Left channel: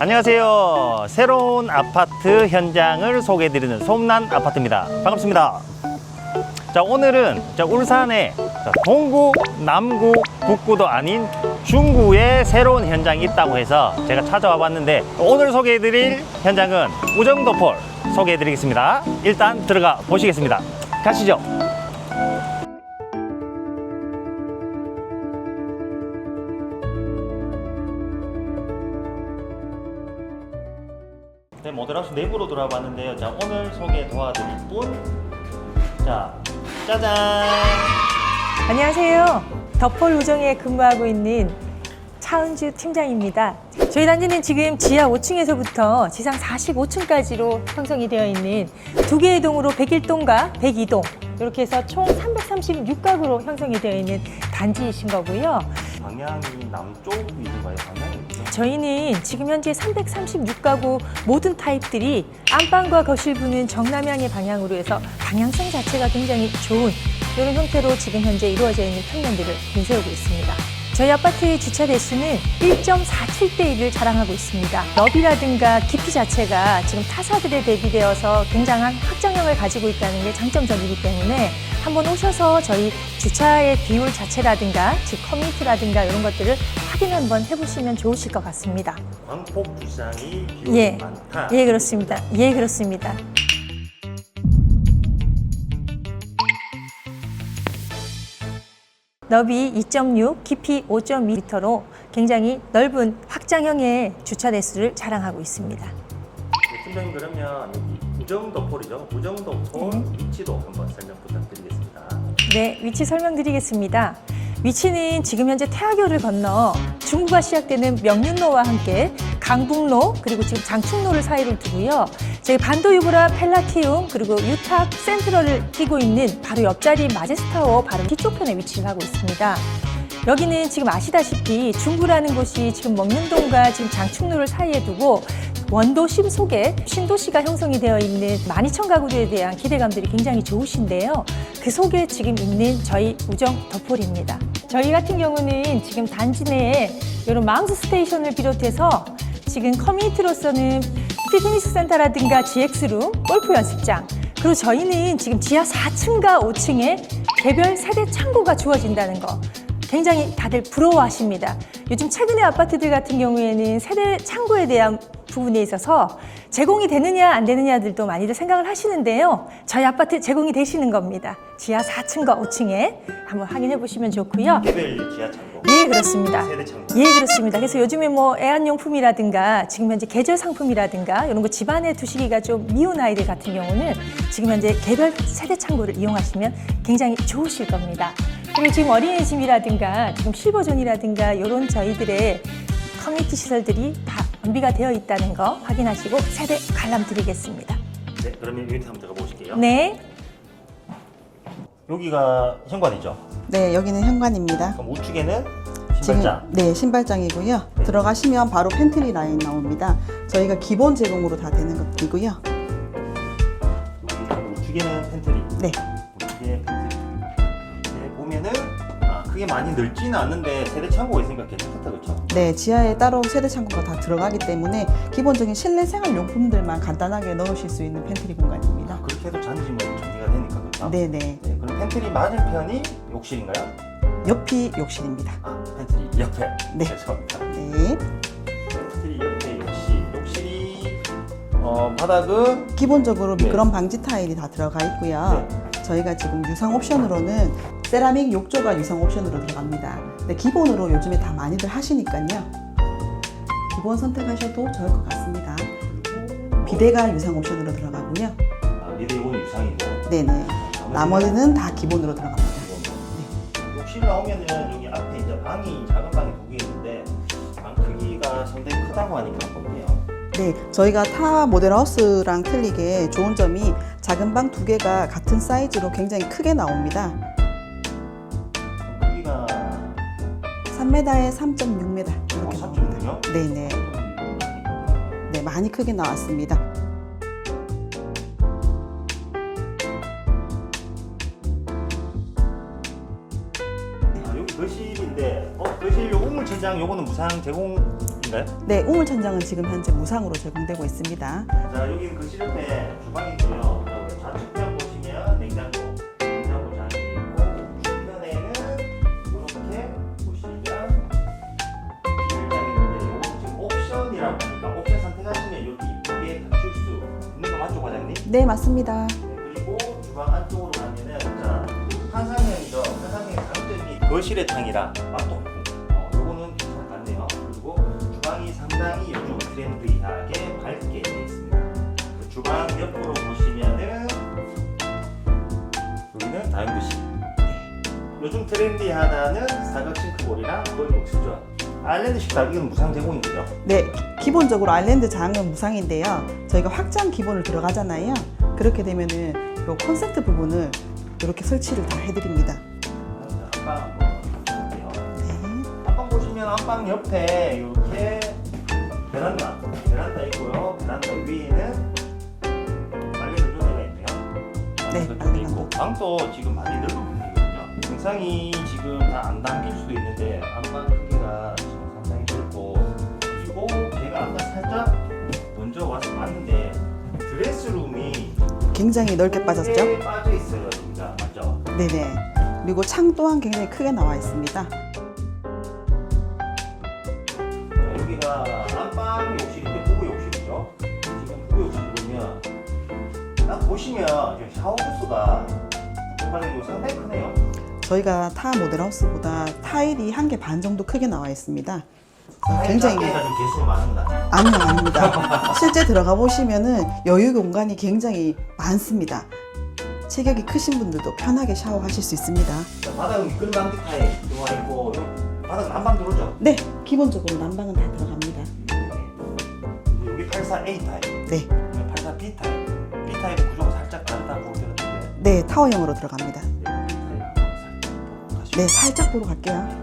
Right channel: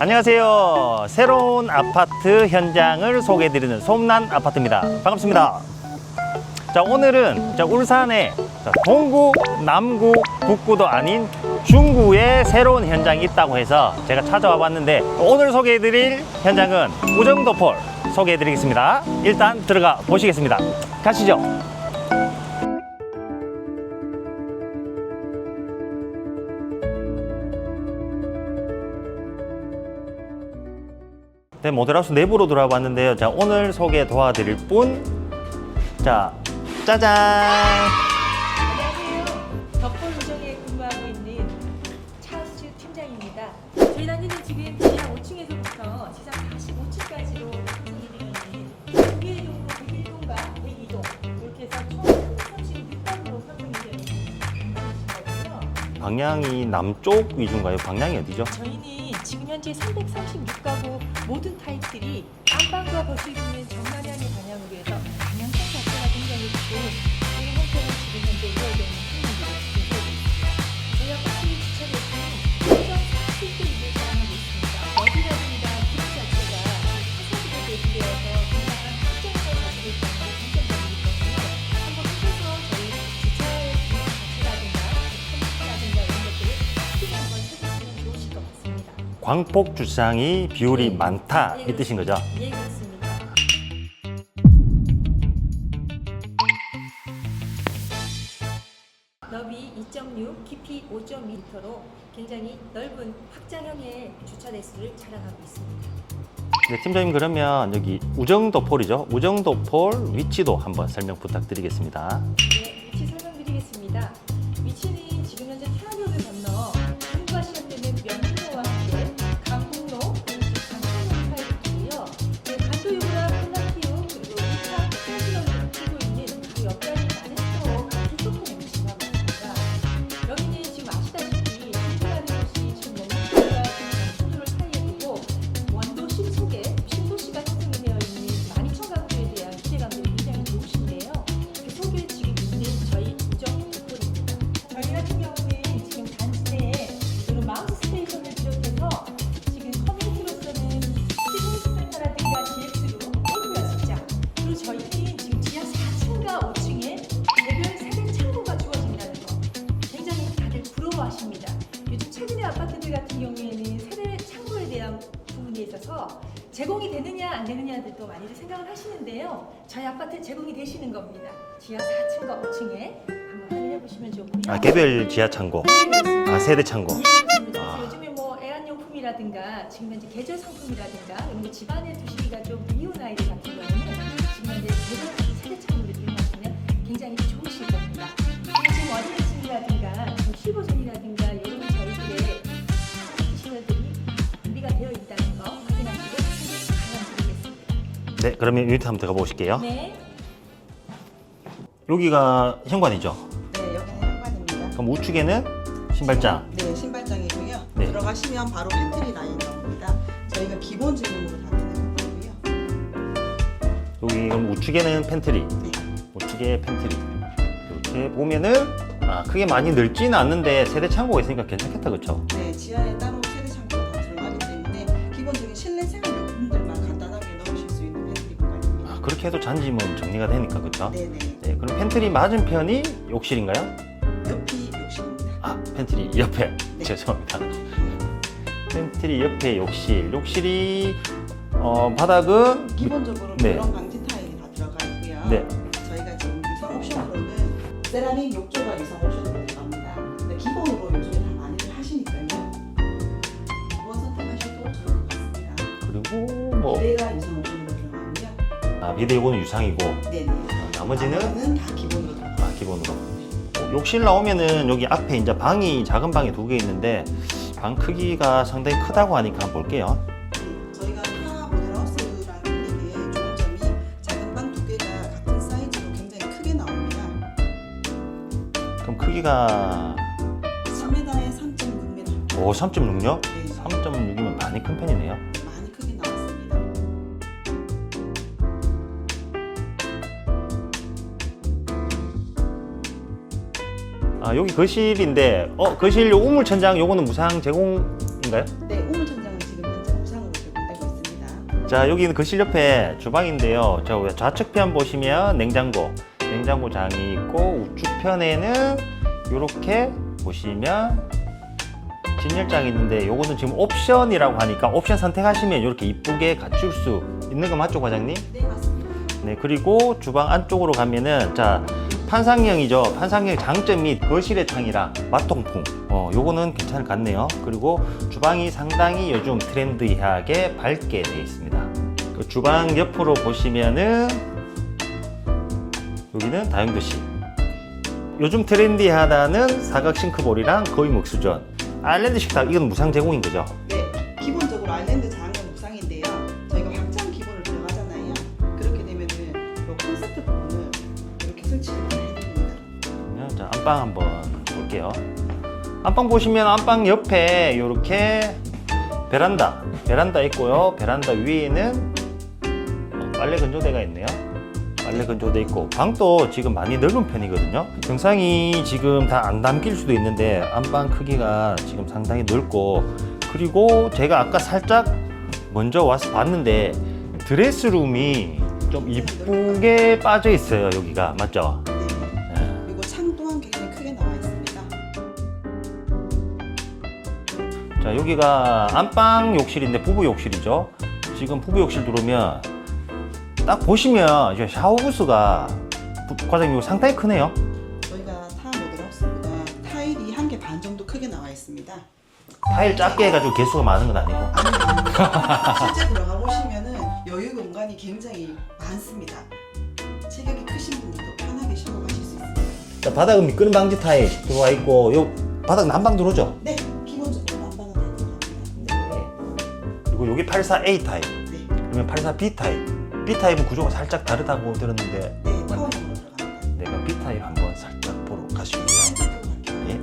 안녕하세요. 새로운 아파트 현장을 소개해드리는 솜난 아파트입니다. 반갑습니다. 자, 오늘은 자, 울산에 자, 동구, 남구, 북구도 아닌 중구에 새로운 현장이 있다고 해서 제가 찾아와 봤는데 오늘 소개해드릴 현장은 우정도폴 소개해드리겠습니다. 일단 들어가 보시겠습니다. 가시죠. 모델하우스 내부로 들어와 봤는데요. 자, 오늘 소개 도와드릴 분. 자, 짜잔! 안녕하세요. 덕폴 우정에 근무하고 있는 차은주 팀장입니다. 저희 단지는 지금 지하 5층에서부터 지상 45층까지로 형성이 되어 있는 두 개의 동으로 101동과 102동 이렇게 해서 총 336가구로 형성이 되어 있는 단지이신 거고요. 방향이 남쪽 위주인가요? 방향이 어디죠? 저희는 지금 현재 336가구 모든 타입들이 안방과 거실 부는 정남향의 방향으로 해서 방향성 자체가 굉장히 좋은 이런 형태로 지금 현재 이루어져 있는 평면들을 내세우고 있습니다. 저희 아파트의 주차 대수는 1.47대 1을 자랑하고 있습니다. 너비라든가 깊이 자체가 지금 타사들에 대비되어서 굉장한 확장력을 가지고 있다는 게 장점적이기 때문에 한번 오셔서 저희 주차의 비율 자체라든가 즉 커뮤니티라든가 이런 것들을 확인 한번 해보시면 좋으실 것 같습니다. 광폭 주상이 비율이 예. 많다. 예이 뜻인 그렇습니다. 거죠? 예 그렇습니다. 너비 2.6, 깊이 5.2m로 굉장히 넓은 확장형의 주차 대수를 자랑하고 있습니다. 네, 팀장님 그러면 여기 우정도폴이죠? 우정도폴 위치도 한번 설명 부탁드리겠습니다. 네, 위치 설명드리겠습니다. 위치는 지금 현재 태화교를 건너 중부가 시작되는 명륜로와 함께 강북로 그리고 지금 장충로를 사이를 두고요. 저희 반도 유브라 펠라티움 그리고 유탁 센트럴을 끼고 있는 바로 옆자리 마제스타워 바로 뒤쪽편에 위치를 하고 있습니다. 여기는 지금 아시다시피 중구라는 곳이 지금 먹는 동과 지금 장충로를 사이에 두고 원도심 속에 신도시가 형성이 되어 있는 12,000 가구들에 대한 기대감들이 굉장히 좋으신데요. 그 속에 지금 있는 저희 우정 덕폴입니다. 저희 같은 경우는 지금 단지 내에 이런 마운스 스테이션을 비롯해서 지금 커뮤니티로서는 피트니스 센터라든가 GX룸, 골프 연습장, 그리고 저희는 지금 지하 4층과 5층에 개별 세대 창고가 주어진다는 거. 굉장히 다들 부러워하십니다. 요즘 최근의 아파트들 같은 경우에는 세대 창고에 대한 부분에 있어서 제공이 되느냐 안 되느냐들도 많이들 생각을 하시는데요. 저희 아파트 제공이 되시는 겁니다. 지하 4층과 5층에 한번 확인해 보시면 좋고요. 개별 지하 창고, 예, 그렇습니다. 아, 세대 창고. 예, 그렇습니다. 그래서 요즘에 뭐 애완용품이라든가 지금 현재 계절 상품이라든가 이런 거 집안에 두시기가 좀 미운 아이들 같은 경우는 지금 현재 개별 세대 창고를 이용하시면 굉장히 좋으실 겁니다. 그리고 지금 어린이집이라든가 지금 실버존이라든가 이런 저희들의 커뮤니티 시설들이 다 완비가 되어 있다는 거 확인하시고 세대 관람 드리겠습니다. 네, 그러면 유니트 한번 들어가 보실게요. 네. 여기가 현관이죠? 네, 여기는 현관입니다. 그럼 우측에는 신발장. 지금, 네, 신발장이고요. 네. 들어가시면 바로 팬트리 라인 나옵니다. 저희가 기본 제공으로 다 되는 것이고요. 여기 그럼 우측에는 팬트리. 네, 우측에 팬트리. 보면은 아, 크게 많이 넓지는 않는데 세대 창고가 있으니까 괜찮겠다, 그렇죠? 네, 지하에 따로 세대 창고가 다 들어가기 때문에 기본적인 실내 생활 용품들만 간단하게 넣으실 수 있는 팬트리 공간입니다. 아, 그렇게 해도 잔지 뭐 정리가 되니까, 그렇죠? 네, 네. 네, 그럼 팬트리 맞은편이 욕실인가요? 옆이 욕실입니다. 아, 팬트리 옆에. 네. 죄송합니다. 네. 팬트리 옆에 욕실. 욕실이 어, 바닥은 기본적으로 네. 미끄럼 방지 타일이 다 들어가 있고요. 네. 저희가 지금 유상 옵션으로는 세라믹 욕조가 유상 옵션으로 들어갑니다. 근데 기본으로 요즘에 다 많이들 하시니까요. 기본 선택하셔도 좋을 것 같습니다. 그리고 뭐 비대가 유상 옵션으로 들어가고요. 아, 이거는 유상이고 네네. 나머지는 나머지는 다 기본으로 들어갑니다. 아, 기본으로. 욕실 나오면은 여기 앞에 이제 방이 작은 방이 두 개 있는데 방 크기가 상당히 크다고 하니까 볼게요. 네, 저희가 타 모델하우스랑 틀리게 좋은 점이 작은 방 두 개가 같은 사이즈로 굉장히 크게 나옵니다. 그럼 크기가 3m에 3.6m. 오 3.6요? 네네. 3.6이면 많이 큰 편이네요. 네, 많이 크게 나왔습니다. 아 여기 거실인데 어 거실 요 우물 천장 요거는 무상 제공 있는가요? 네, 우물 천장은 지금 현재 무상으로 제공되고. 자 여기는 거실 옆에 주방인데요. 자왜 좌측편 보시면 냉장고, 냉장고 장이 있고 우측편에는 이렇게 보시면 진열장이 있는데 요거는 지금 옵션이라고 하니까 옵션 선택하시면 이렇게 이쁘게 갖출 수 있는 거 맞죠, 과장님? 네, 맞습니다. 네 그리고 주방 안쪽으로 가면은 자 판상형이죠. 판상형 장점이 거실의 창이라 맛통풍. 어 요거는 괜찮을 것 같네요. 그리고 주방이 상당히 요즘 트렌디하게 밝게 되어 있습니다. 그 주방 옆으로 보시면은 여기는 다용도실. 요즘 트렌디하다는 사각 싱크볼이랑 거의 목수전. 아일랜드 식탁 이건 무상 제공인 거죠? 네, 기본적으로 아일랜드 장은 무상인데요. 저희가 확장 기본을 들어가잖아요. 그렇게 되면은 요 콘센트 부분을 이렇게 설치를 다 해드립니다. 자 안방 한번 볼게요. 네. 안방 보시면 안방 옆에 이렇게 베란다 베란다 있고요 베란다 위에는 어, 빨래 건조대가 있네요 빨래 네. 건조대 있고 방도 지금 많이 넓은 편이거든요 영상이 지금 다 안 담길 수도 있는데 안방 크기가 지금 상당히 넓고 그리고 제가 아까 살짝 먼저 와서 봤는데 드레스룸이 좀 굉장히 넓게 이쁘게 빠져 있어요 여기가 맞죠? 네네. 네. 그리고 창 또한 굉장히 크게 나와 있습니다. 자 여기가 안방 욕실인데 부부 욕실이죠. 지금 부부 욕실 들어오면 딱 보시면 이제 샤워 부스가 과장님 상당히 크네요. 저희가 타 모델하우스보다 타일이 한 개 반 정도 크게 나와 있습니다. 타일 작게 해가지고 개수가 많은 건 아니에요. 아닙니다, 아닙니다. 실제 들어가 보시면은 여유 공간이 굉장히 많습니다. 체격이 크신 분들도 편하게 샤워하실 수 있습니다. 자, 바닥은 미끄럼 방지 타일 들어와 있고 요 바닥 난방 들어오죠. 네, 기본적으로 난방은 다 들어갑니다. 그리고 여기 84A 타입, 네, 그러면 84B 타입. B 타입은 구조가 살짝 다르다고 들었는데 네 타워형으로 들어갑니다. 내가 B 타입 한번 살짝 보러 가시죠. 네, 살짝 보고 갈게요. 예.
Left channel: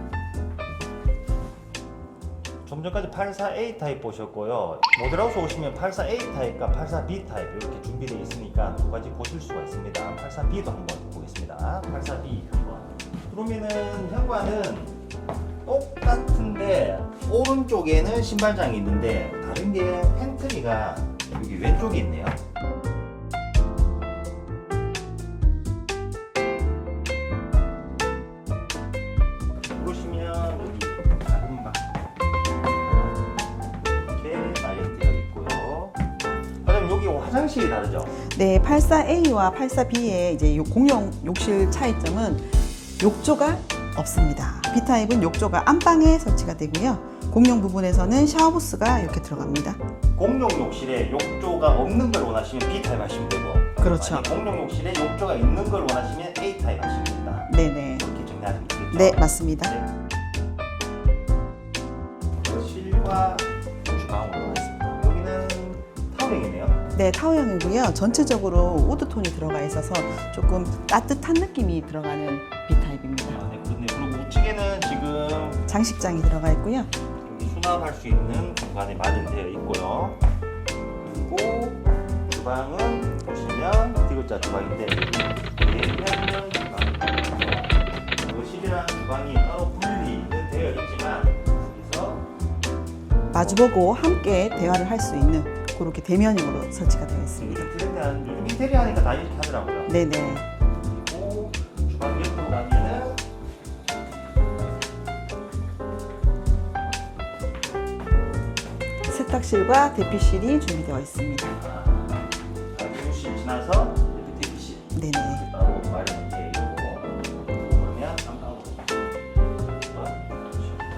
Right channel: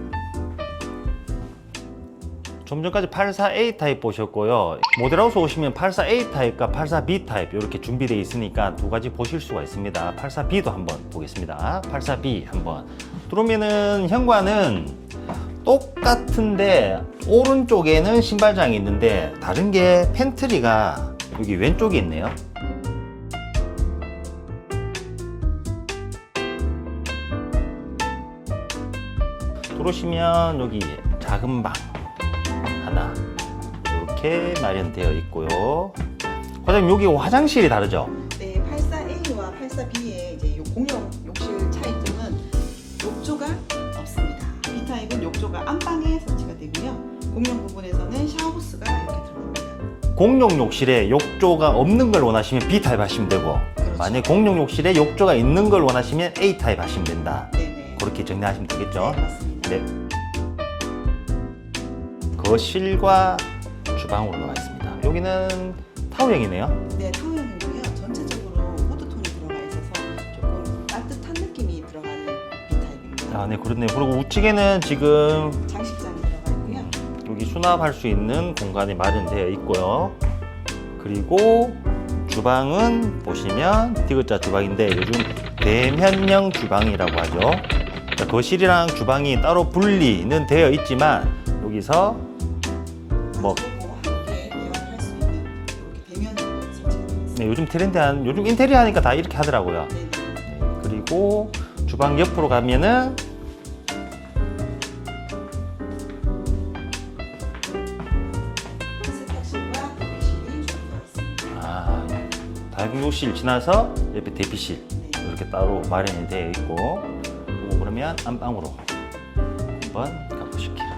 좀 전까지 84A 타입 보셨고요. 모델하우스 오시면 84A 타입과 84B 타입 이렇게 준비되어 있으니까 두 가지 보실 수가 있습니다. 84B도 한번 보겠습니다. 84B 한번 들어오면은 현관은 똑같은데 오른쪽에는 신발장이 있는데 다른 게 팬트리가 여기 왼쪽에 있네요. 들어오시면 여기 작은 방 하나 이렇게 마련되어 있고요. 과장님 여기 화장실이 다르죠? 네, 84A와 84B의 이제 요 공용 욕실 차이점은 욕조가 없습니다. B 타입은 욕조가 안방에 설치가 되고요. 공용 부분에서는 샤워부스가 이렇게 들어갑니다. 공용 욕실에 욕조가 없는 걸 원하시면 B 타입 하시면 되고 그렇죠. 만약 공용 욕실에 욕조가 있는 걸 원하시면 A 타입 하시면 된다. 네네. 그렇게 정리하시면 되겠죠? 네, 맞습니다. 네. 거실과 주방으로 와 있습니다. 여기는 타워형이네요. 네, 타워형이고요. 전체적으로 우드톤이 들어가 있어서 조금 따뜻한 느낌이 들어가는. 아, 네, 그렇네요. 그리고 우측에는 지금 장식장이 들어가 있고요. 여기 수납할 수 있는 공간이 마련되어 있고요. 그리고 주방은 보시면 디귿자 주방인데 요즘 내면형 주방이라고 하죠. 거실이랑 주방이 따로 분리는 되어 있지만 여기서 마주보고 함께 대화를 할 수 있는 그렇게 대면으로 설치가 되어 있습니다. 네, 요즘 트렌드한 요즘 인테리어 하니까 다 이렇게 하더라고요. 네네. 그리고 주방 옆으로 가면은 세탁실과 대피실이 준비되어 있습니다. 아, 다용도실 지나서 옆에 대피실 네네. 이렇게 따로 마련이 되어 있고 어, 그러면 안방으로 한번 가보실게요.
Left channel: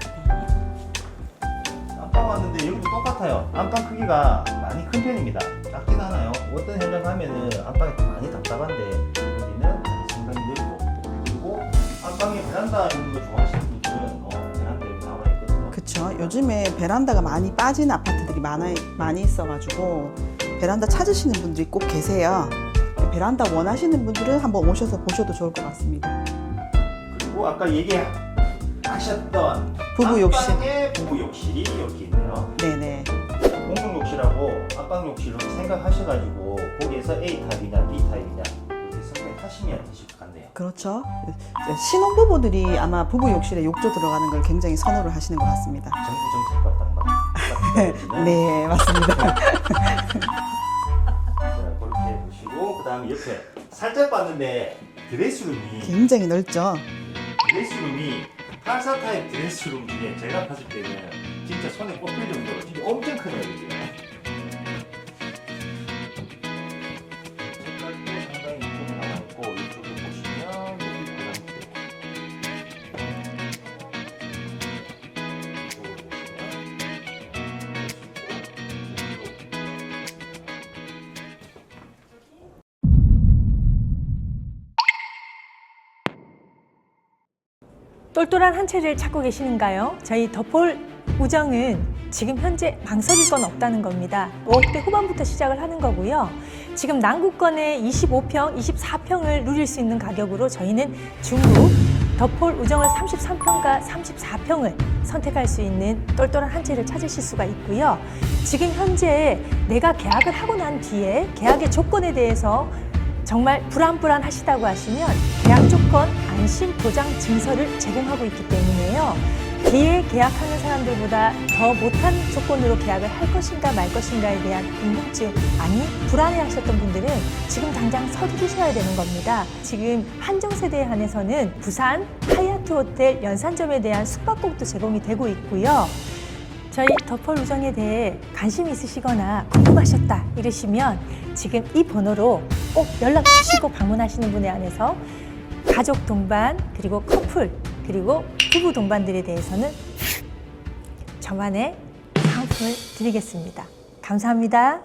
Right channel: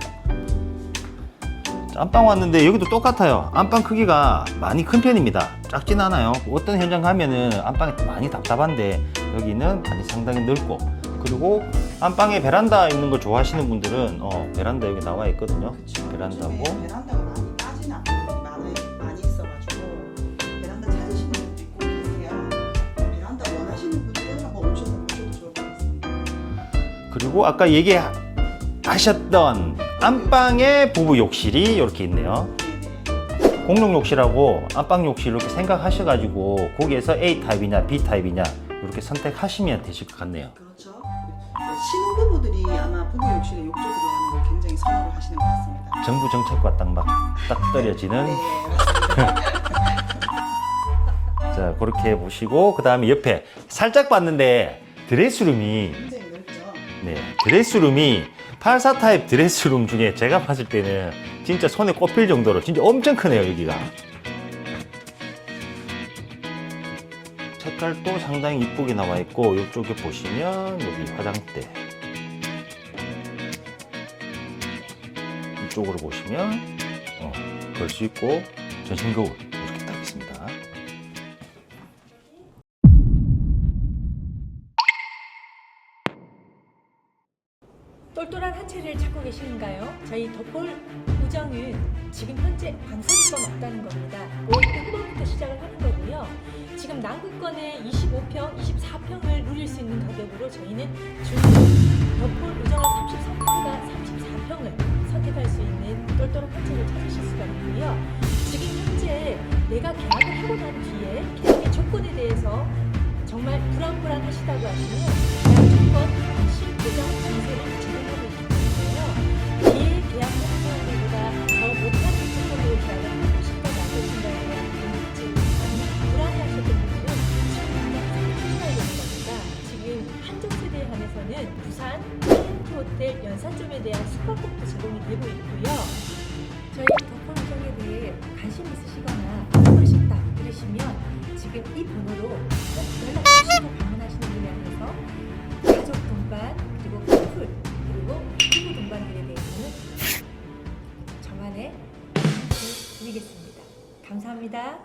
자, 안방 왔는데 여기도 똑같아요. 안방 크기가 많이 큰 편입니다. 작진 않아요. 어떤 현장 가면은 안방이 많이 답답한데 여기는 아주 상당히 넓고 그리고 안방에 베란다 있는 걸 좋아하시는 분들은 어, 베란다 여기 나와 있거든요. 그렇죠. 베란다고. 요즘에 베란다가 많이 빠진 아파트들이 많아, 많이 있어가지고 베란다 찾으시는 분들이 꼭 계세요. 베란다 원하시는 분들은 한번 오셔서 보셔도 좋을 것 같습니다. 그리고 아까 얘기하셨던 부부 안방에 부부 욕실이 이렇게 있네요. 네네. 공용 욕실하고 안방 욕실 이렇게 생각하셔가지고 거기에서 A 타입이냐 B 타입이냐 이렇게 선택하시면 되실 것 같네요. 그렇죠. 신혼부부들이 아마 부부 욕실에 욕조 들어가는 걸 굉장히 선호를 하시는 것 같습니다. 정부 정책과 딱막딱 떨어지는 네, 맞습니다. 자 그렇게 보시고 그 다음에 옆에 살짝 봤는데 드레스룸이 굉장히 넓죠. 네, 드레스룸이 84 타입 드레스룸 중에 제가 봤을 때는 진짜 손에 꼽힐 정도로 진짜 엄청 크네요 여기가 색깔도 상당히 이쁘게 나와 있고 이쪽에 보시면 여기 화장대 이쪽으로 보시면 어, 걸수 있고 전신 거울 이렇게 딱 있습니다. 똘똘한 한 채를 찾고 계시는가요? 저희 더폴 우정은 지금 현재 망설일 건 없다는 겁니다. 5억대 후반부터 시작을 하는 거고요. 지금 남구권에 25평, 24평을 누릴 수 있는 가격으로 저희는 중구 더폴 우정을 33평과 34평을 선택할 수 있는 똘똘한 한 채를 찾으실 수가 있고요. 지금 현재 내가 계약을 하고 난 뒤에 계약의 조건에 대해서 정말 불안불안하시다고 하시면 계약 조건 안심 보장 증서를 제공하고 있기 때문에요. 이에 계약하는 사람들보다 더 못한 조건으로 계약을 할 것인가 말 것인가에 대한 궁금증 아니 불안해 하셨던 분들은 지금 당장 서두르셔야 되는 겁니다. 지금 한정세대에 한해서는 부산 하얏트 호텔 연산점에 대한 숙박권도 제공이 되고 있고요. 저희 더폴 우정에 대해 관심 있으시거나 궁금하셨다 이러시면 지금 이 번호로 꼭 연락 주시고 방문하시는 분에 한해서 가족 동반 그리고 커플 그리고 부부 동반들에 대해서는 저만의 상품을 드리겠습니다. 감사합니다.